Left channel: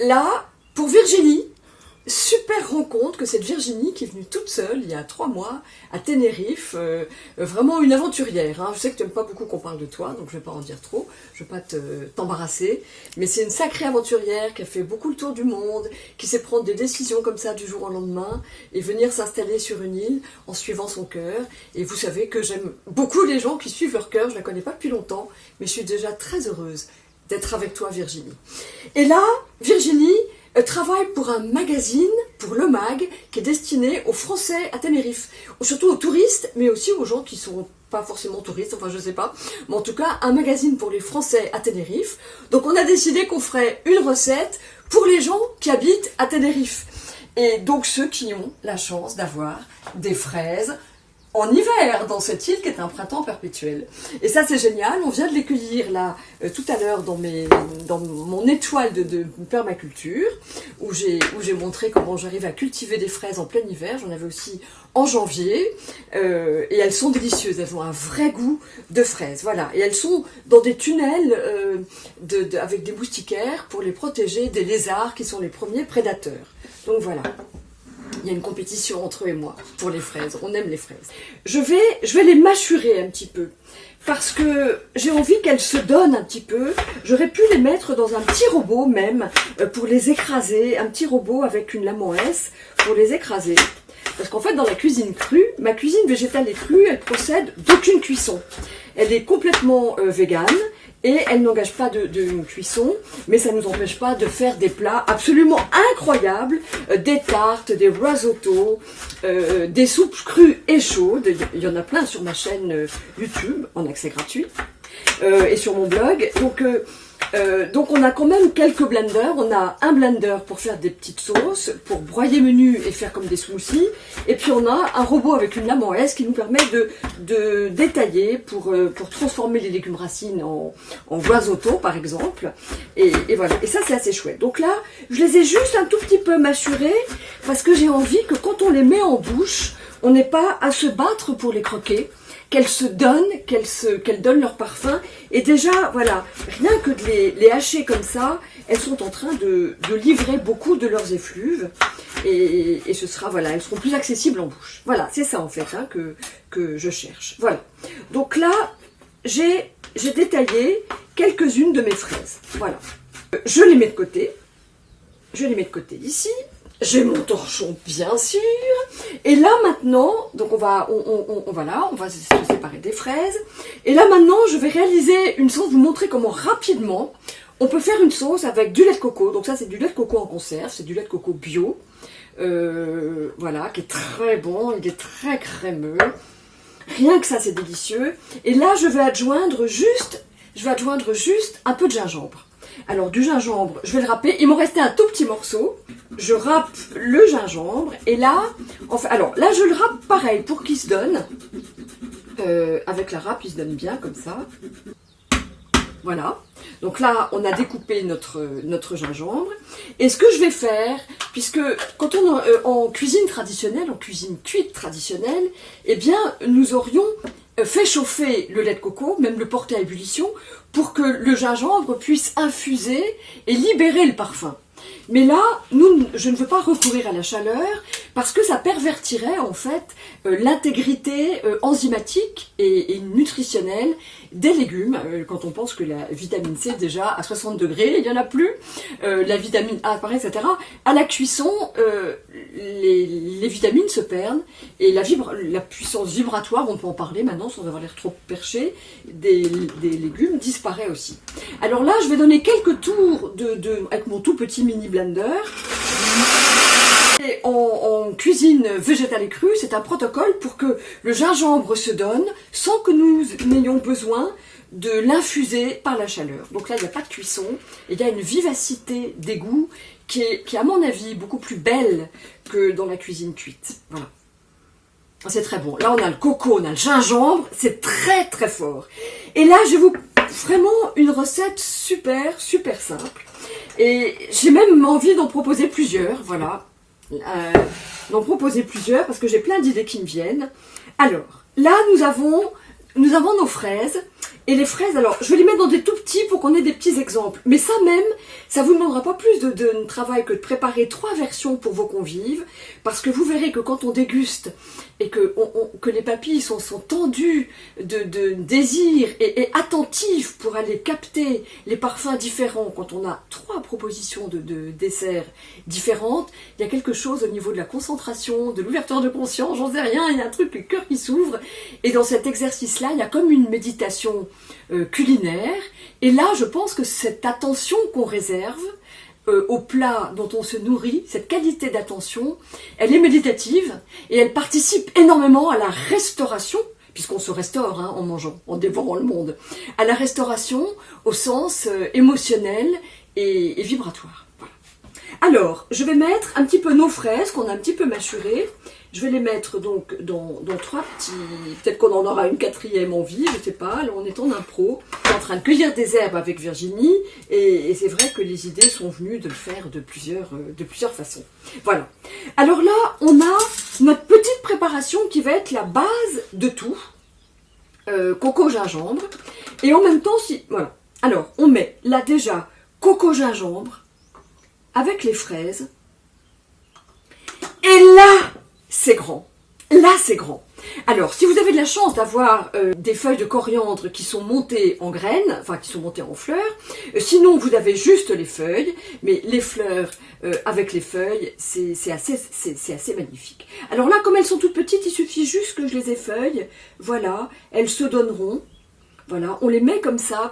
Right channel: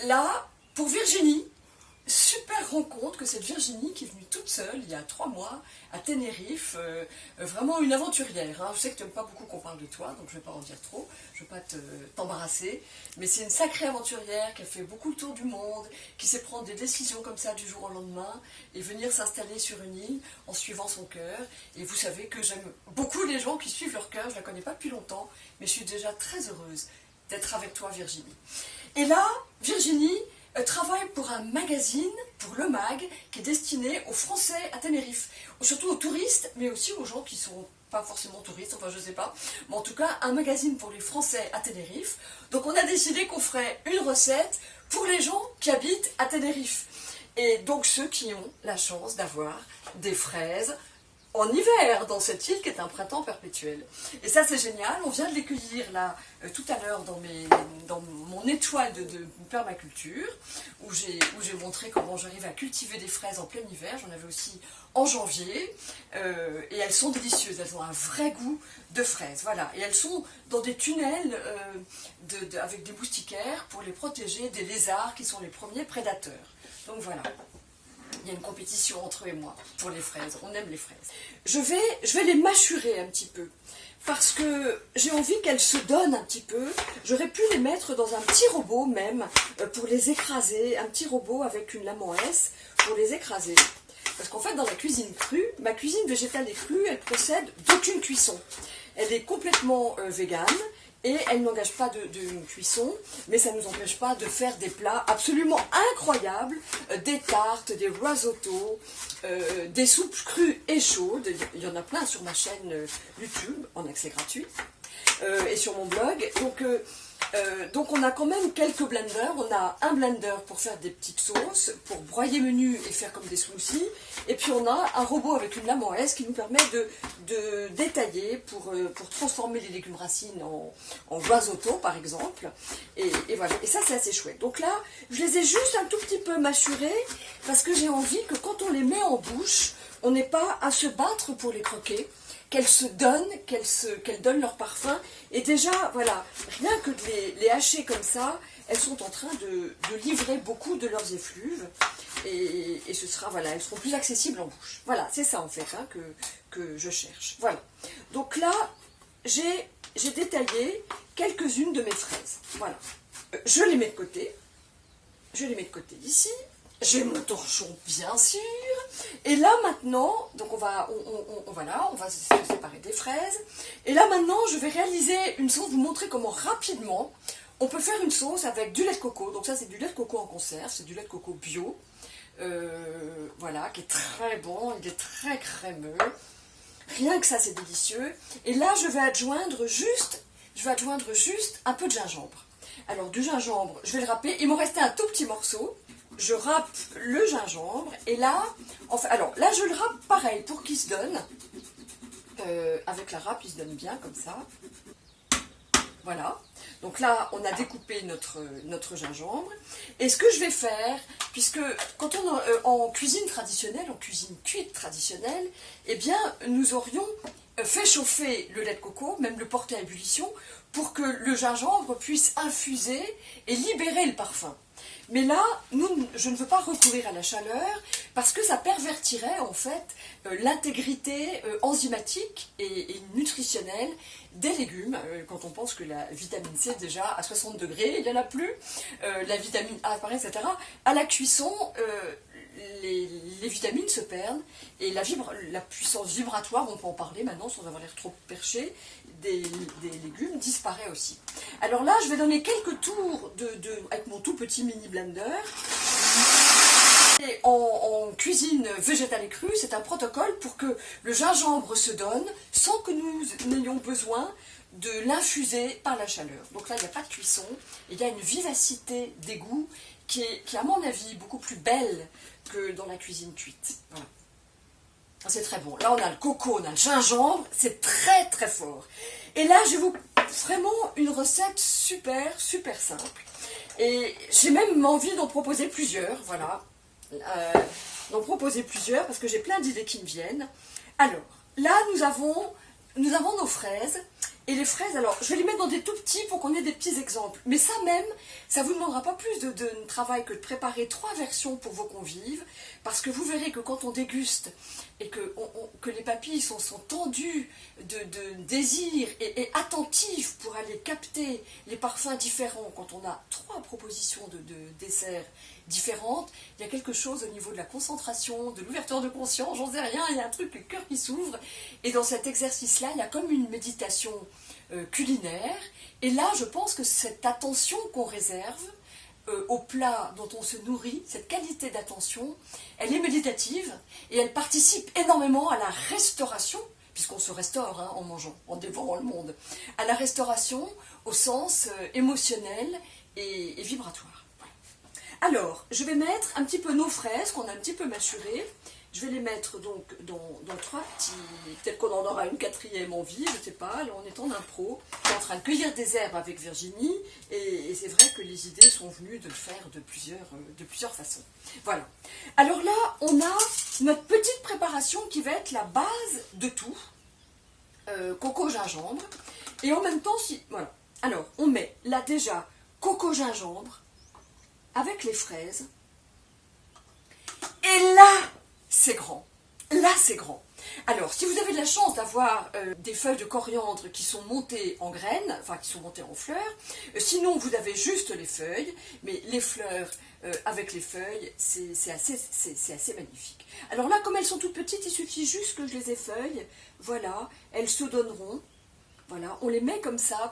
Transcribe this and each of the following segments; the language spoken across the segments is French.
là, pour Virginie, super rencontre que cette Virginie qui est venue toute seule il y a 3 mois à Tenerife, vraiment une aventurière. Hein. Je sais que tu n'aimes pas beaucoup qu'on parle de toi, donc je ne vais pas en dire trop, je ne vais pas t'embarrasser, mais c'est une sacrée aventurière qui a fait beaucoup le tour du monde, qui sait prendre des décisions comme ça du jour au lendemain et venir s'installer sur une île en suivant son cœur. Et vous savez que j'aime beaucoup les gens qui suivent leur cœur, je ne la connais pas depuis longtemps, mais je suis déjà très heureuse d'être avec toi Virginie. Et là, Virginie travaille pour un magazine, pour Le Mag, qui est destiné aux Français à Tenerife, surtout aux touristes, mais aussi aux gens qui ne sont pas forcément touristes, enfin je sais pas, mais en tout cas un magazine pour les Français à Tenerife. Donc on a décidé qu'on ferait une recette pour les gens qui habitent à Tenerife. Et donc ceux qui ont la chance d'avoir des fraises en hiver, dans cette île qui est un printemps perpétuel. Et ça c'est génial, on vient de les cueillir là, tout à l'heure dans mon étoile de permaculture, où j'ai montré comment j'arrive à cultiver des fraises en plein hiver, j'en avais aussi en janvier, et elles sont délicieuses, elles ont un vrai goût de fraises, voilà. Et elles sont dans des tunnels avec des moustiquaires pour les protéger des lézards qui sont les premiers prédateurs. Donc voilà. Il y a une compétition entre eux et moi pour les fraises. On aime les fraises. Je vais les mâchurer un petit peu parce que j'ai envie qu'elles se donnent un petit peu. J'aurais pu les mettre dans un petit robot même pour les écraser. Un petit robot avec une lame en S pour les écraser. Parce qu'en fait, dans la cuisine crue, ma cuisine végétale et crue, elle procède d'aucune cuisson. Elle est complètement végane. Et elle n'engage pas de cuisson, mais ça ne nous empêche pas de faire des plats absolument incroyables, des tartes, des risottos, des soupes crues et chaudes. Il y en a plein sur ma chaîne YouTube, en accès gratuit, et sur mon blog. Donc on a quand même quelques blenders. On a un blender pour faire des petites sauces, pour broyer menu et faire comme des smoothies. Et puis on a un robot avec une lame en S qui nous permet de détailler pour transformer les légumes racines en risotto par exemple. Et voilà, et ça c'est assez chouette. Donc là, je les ai juste un tout petit peu mâchurés parce que j'ai envie que quand on les met en bouche, on n'ait pas à se battre pour les croquer. Qu'elles se donnent, qu'elles donnent leur parfum. Et déjà, voilà, rien que de les hacher comme ça, elles sont en train de livrer beaucoup de leurs effluves. Et ce sera, voilà, elles seront plus accessibles en bouche. Voilà, c'est ça en fait hein, que je cherche. Voilà. Donc là, j'ai détaillé quelques-unes de mes fraises. Voilà. Je les mets de côté. Je les mets de côté ici. J'ai mon torchon, bien sûr. Et là, maintenant, donc on va se séparer des fraises. Et là, maintenant, je vais réaliser une sauce, vous montrer comment rapidement on peut faire une sauce avec du lait de coco. Donc ça, c'est du lait de coco en conserve, c'est du lait de coco bio. Voilà, qui est très bon, il est très crémeux. Rien que ça, c'est délicieux. Et là, je vais adjoindre juste un peu de gingembre. Alors du gingembre, je vais le râper. Il m'en restait un tout petit morceau. Je râpe le gingembre et là, enfin, alors là je le râpe pareil pour qu'il se donne. Avec la râpe, il se donne bien comme ça. Voilà. Donc là, on a découpé notre gingembre. Et ce que je vais faire, puisque quand on en cuisine traditionnelle, en cuisine cuite traditionnelle, eh bien, nous aurions fait chauffer le lait de coco, même le porter à ébullition, pour que le gingembre puisse infuser et libérer le parfum. Mais là, je ne veux pas recourir à la chaleur parce que ça pervertirait en fait l'intégrité enzymatique et nutritionnelle des légumes. Quand on pense que la vitamine C déjà à 60 degrés, il n'y en a plus, la vitamine A apparaît, etc. À la cuisson, les vitamines se perdent et la puissance vibratoire, on peut en parler maintenant sans avoir l'air trop perché, des légumes disparaît aussi. Alors là, je vais donner quelques tours avec mon tout petit mini blender. Et en cuisine végétale et crue, c'est un protocole pour que le gingembre se donne sans que nous n'ayons besoin de l'infuser par la chaleur. Donc là, il n'y a pas de cuisson, et il y a une vivacité des goûts qui est, à mon avis, beaucoup plus belle que dans la cuisine cuite. Voilà. C'est très bon. Là, on a le coco, on a le gingembre, c'est très très fort. Et là, je vous vraiment une recette super simple. Et j'ai même envie d'en proposer plusieurs, voilà. D'en proposer plusieurs parce que j'ai plein d'idées qui me viennent. Alors, là, nous avons nos fraises Et les fraises, alors je vais les mettre dans des tout petits pour qu'on ait des petits exemples. Mais ça même, ça vous demandera pas plus de travail que de préparer 3 versions pour vos convives. Parce que vous verrez que quand on déguste et que les papilles sont tendues de désir et attentives pour aller capter les parfums différents, quand on a 3 propositions de desserts différentes, il y a quelque chose au niveau de la concentration, de l'ouverture de conscience, j'en sais rien, il y a un truc, le cœur qui s'ouvre. Et dans cet exercice-là, il y a comme une méditation culinaire. Et là, je pense que cette attention qu'on réserve au plat dont on se nourrit, cette qualité d'attention, elle est méditative et elle participe énormément à la restauration, puisqu'on se restaure en mangeant, en dévorant le monde, à la restauration au sens émotionnel et vibratoire. Voilà. Alors, je vais mettre un petit peu nos fraises qu'on a un petit peu mâchurées. Je vais les mettre donc dans 3 petits... Peut-être qu'on en aura une 4e en vie, je sais pas. Là, on est en impro. Je suis en train de cueillir des herbes avec Virginie. Et c'est vrai que les idées sont venues de le faire de plusieurs façons. Voilà. Alors là, on a notre petite préparation qui va être la base de tout. Coco gingembre. Et en même temps, voilà. Alors, on met là déjà coco gingembre avec les fraises. Et là, c'est grand. Là, c'est grand. Alors, si vous avez de la chance d'avoir des feuilles de coriandre qui sont montées en graines, enfin qui sont montées en fleurs, sinon vous avez juste les feuilles, mais les fleurs avec les feuilles, c'est assez magnifique. Alors là, comme elles sont toutes petites, il suffit juste que je les effeuille. Voilà, elles se donneront. Voilà, on les met comme ça,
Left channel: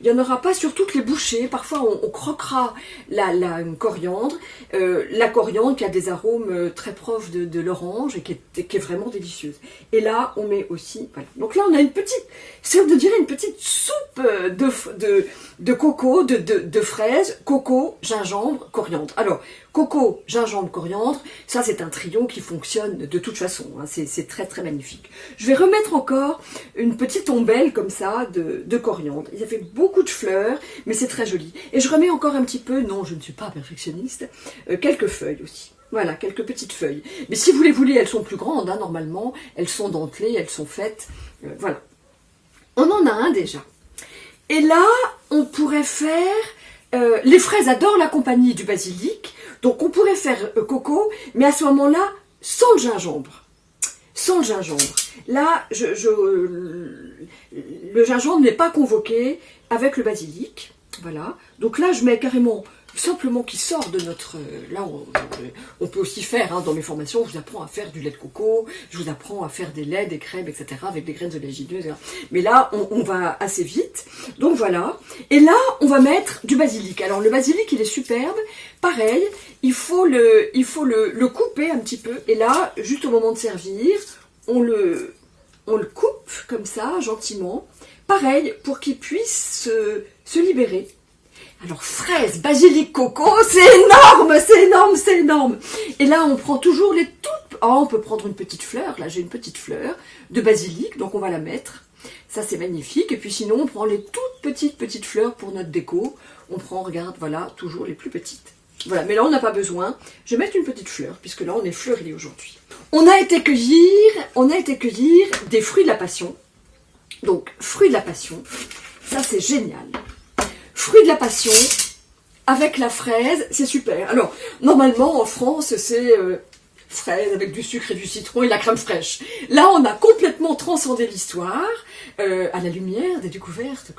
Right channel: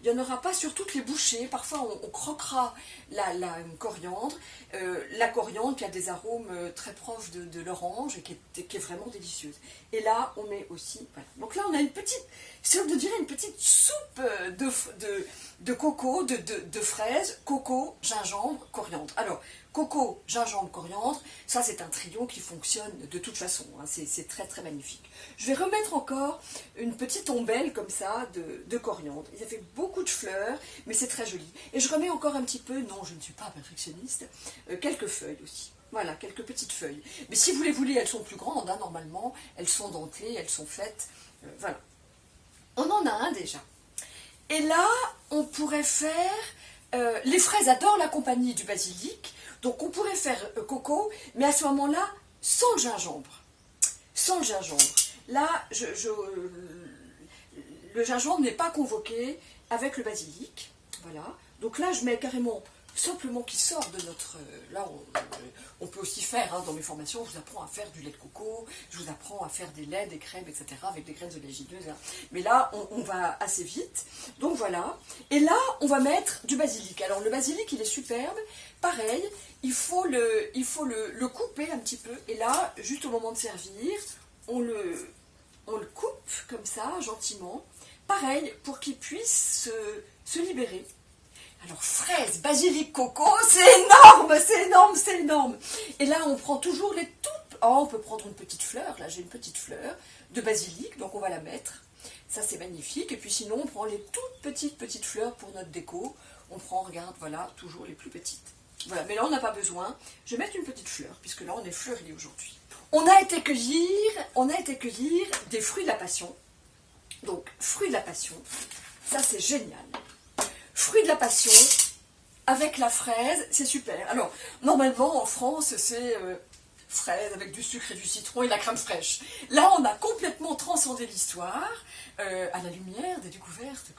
il n'y en aura pas sur toutes les bouchées, parfois on croquera la coriandre, la coriandre qui a des arômes très proches de l'orange et qui est vraiment délicieuse. Et là, on met aussi, voilà, donc là on a une petite, on dirait une petite soupe de coco, de fraises, coco, gingembre, coriandre. Alors, coco, gingembre, coriandre, ça c'est un trio qui fonctionne de toute façon, hein, c'est très très magnifique. Je vais remettre encore une petite ombelle comme ça de coriandre. Il y a fait beaucoup de fleurs, mais c'est très joli. Et je remets encore un petit peu, non je ne suis pas perfectionniste, quelques feuilles aussi. Voilà, quelques petites feuilles. Mais si vous les voulez, elles sont plus grandes, hein, normalement, elles sont dentelées, elles sont faites, voilà. On en a un déjà. Et là, on pourrait faire... les fraises adorent la compagnie du basilic, donc on pourrait faire coco, mais à ce moment-là, sans le gingembre. Sans le gingembre. Là, le gingembre n'est pas convoqué avec le basilic. Voilà. Donc là, je mets carrément, simplement qui sort de notre... Là, on peut aussi faire, hein, dans mes formations, je vous apprends à faire du lait de coco, je vous apprends à faire des laits, des crèmes, etc. avec des graines oléagineuses. Hein. Mais là, on va assez vite. Donc voilà. Et là, on va mettre du basilic. Alors le basilic, il est superbe. Pareil, il faut le couper un petit peu. Et là, juste au moment de servir, on le coupe comme ça, gentiment. Pareil, pour qu'il puisse se libérer. Alors, fraises, basilic, coco, c'est énorme, c'est énorme, c'est énorme. Et là, on prend toujours les toutes... Oh, on peut prendre une petite fleur. Là, j'ai une petite fleur de basilic, donc on va la mettre. Ça, c'est magnifique. Et puis sinon, on prend les toutes petites fleurs pour notre déco. On prend, regarde, voilà, toujours les plus petites. Voilà, mais là, on n'a pas besoin. Je vais mettre une petite fleur, puisque là, on est fleuri aujourd'hui. On a été cueillir des fruits de la passion. Donc, fruits de la passion, ça, c'est génial. Fruits de la passion, avec la fraise, c'est super. Alors, normalement, en France, c'est fraise avec du sucre et du citron et de la crème fraîche. Là, on a complètement transcendé l'histoire à la lumière des découvertes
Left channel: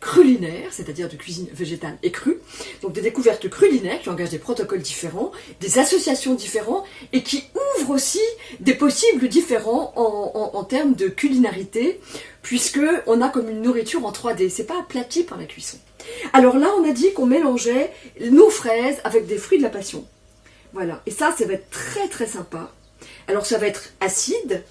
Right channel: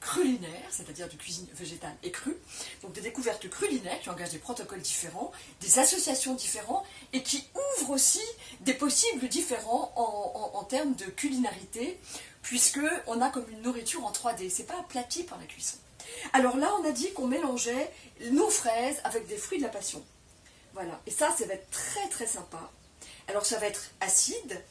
culinaires, c'est-à-dire de cuisine végétale et crue. Donc, des découvertes culinaires qui engagent des protocoles différents, des associations différentes et qui ouvrent aussi des possibles différents en termes de culinarité, puisque on a comme une nourriture en 3D. C'est pas aplati par la cuisson. Alors là, on a dit qu'on mélangeait nos fraises avec des fruits de la passion. Voilà, et ça va être très très sympa. Alors ça va être acide.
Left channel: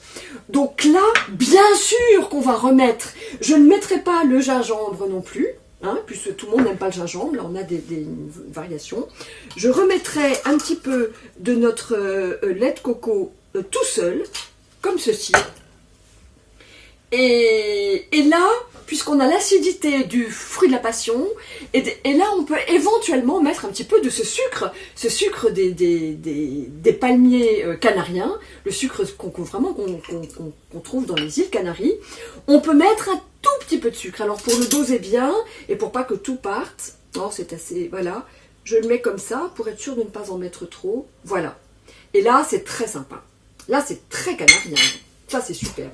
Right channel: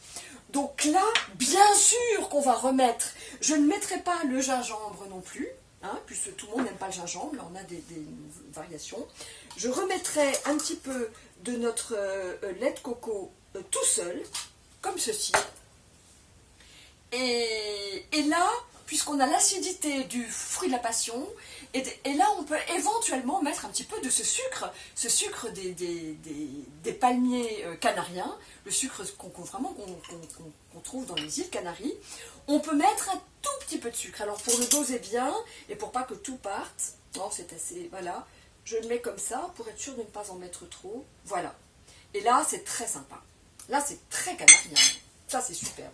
Donc là, bien sûr qu'on va remettre, je ne mettrai pas le gingembre non plus, hein, puisque tout le monde n'aime pas le gingembre, là on a des variations. Je remettrai un petit peu de notre lait de coco tout seul, comme ceci. Et là, puisqu'on a l'acidité du fruit de la passion, et là on peut éventuellement mettre un petit peu de ce sucre des palmiers canariens, le sucre qu'on trouve dans les îles Canaries. On peut mettre un tout petit peu de sucre. Alors pour le doser bien, et pour pas que tout parte, non, c'est assez, voilà, je le mets comme ça, pour être sûr de ne pas en mettre trop, voilà. Et là, c'est très sympa. Là, c'est très canarien. Ça, c'est super.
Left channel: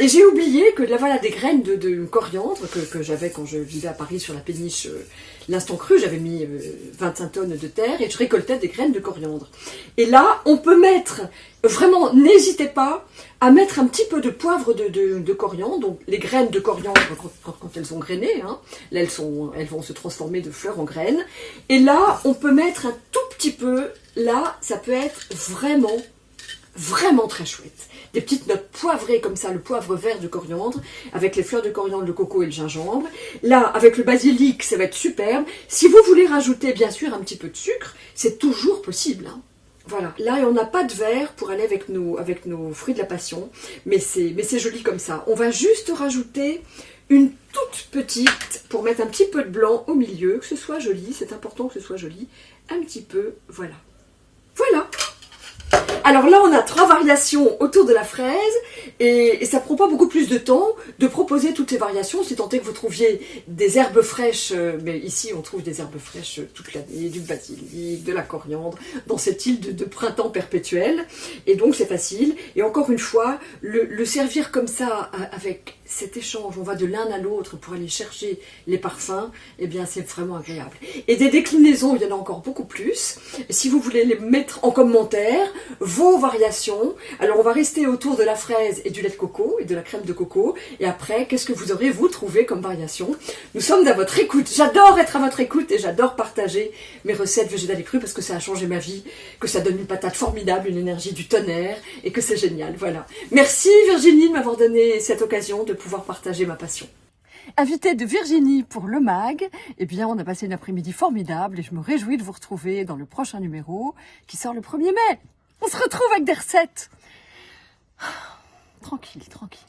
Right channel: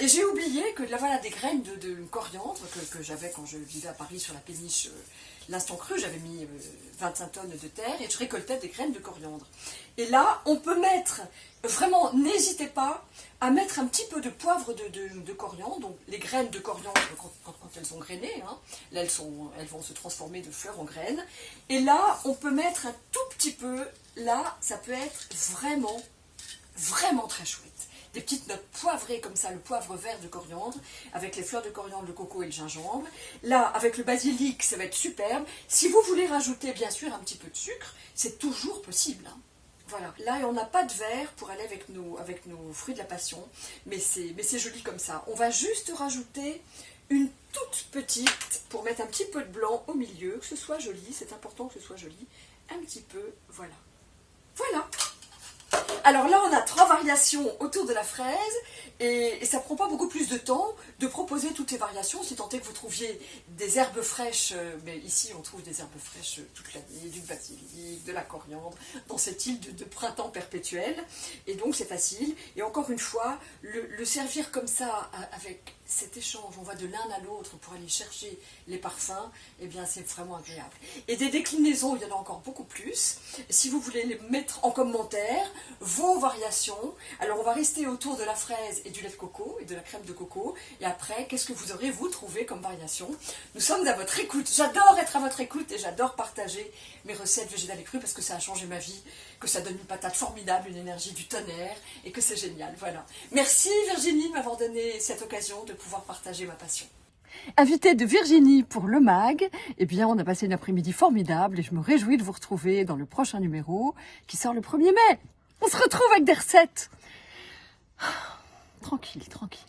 Et j'ai oublié que là, voilà, des graines de coriandre que j'avais quand je vivais à Paris sur la péniche l'Instant Cru. J'avais mis 25 tonnes de terre et je récoltais des graines de coriandre. Et là, on peut mettre, vraiment, n'hésitez pas à mettre un petit peu de poivre de coriandre. Donc, les graines de coriandre, quand elles sont grainées, hein, là, elles vont se transformer de fleurs en graines. Et là, on peut mettre un tout petit peu. Là, ça peut être vraiment, vraiment très chouette. Des petites notes poivrées comme ça, le poivre vert de coriandre, avec les fleurs de coriandre, le coco et le gingembre. Là, avec le basilic, ça va être superbe. Si vous voulez rajouter, bien sûr, un petit peu de sucre, c'est toujours possible. Hein. Voilà. Là, on n'a pas de verre pour aller avec nos fruits de la passion, mais c'est joli comme ça. On va juste rajouter une toute petite, pour mettre un petit peu de blanc au milieu, que ce soit joli, c'est important que ce soit joli. Un petit peu, voilà. Voilà. Alors là, on a 3 variations autour de la fraise et ça prend pas beaucoup plus de temps de proposer toutes ces variations, si tant est que vous trouviez des herbes fraîches, mais ici on trouve des herbes fraîches toute l'année, du basilic, de la coriandre, dans cette île de printemps perpétuel, et donc c'est facile. Et encore une fois, le servir comme ça, avec cet échange, on va de l'un à l'autre pour aller chercher les parfums, eh bien c'est vraiment agréable. Et des déclinaisons, il y en a encore beaucoup plus. Si vous voulez les mettre en commentaire, vos variations. Alors on va rester autour de la fraise et du lait de coco et de la crème de coco. Et après, qu'est-ce que vous aurez vous trouvé comme variation? Nous sommes à votre écoute. J'adore être à votre écoute et j'adore partager mes recettes végétales et crues parce que ça a changé ma vie, que ça donne une patate formidable, une énergie du tonnerre et que c'est génial. Voilà. Merci Virginie de m'avoir donné cette occasion de pouvoir partager ma passion. Invitée de Virginie pour le MAG, eh bien on a passé une après-midi formidable et je me réjouis de vous retrouver dans le prochain numéro qui sort le 1er mai. On se retrouve avec des recettes. Tranquille, tranquille.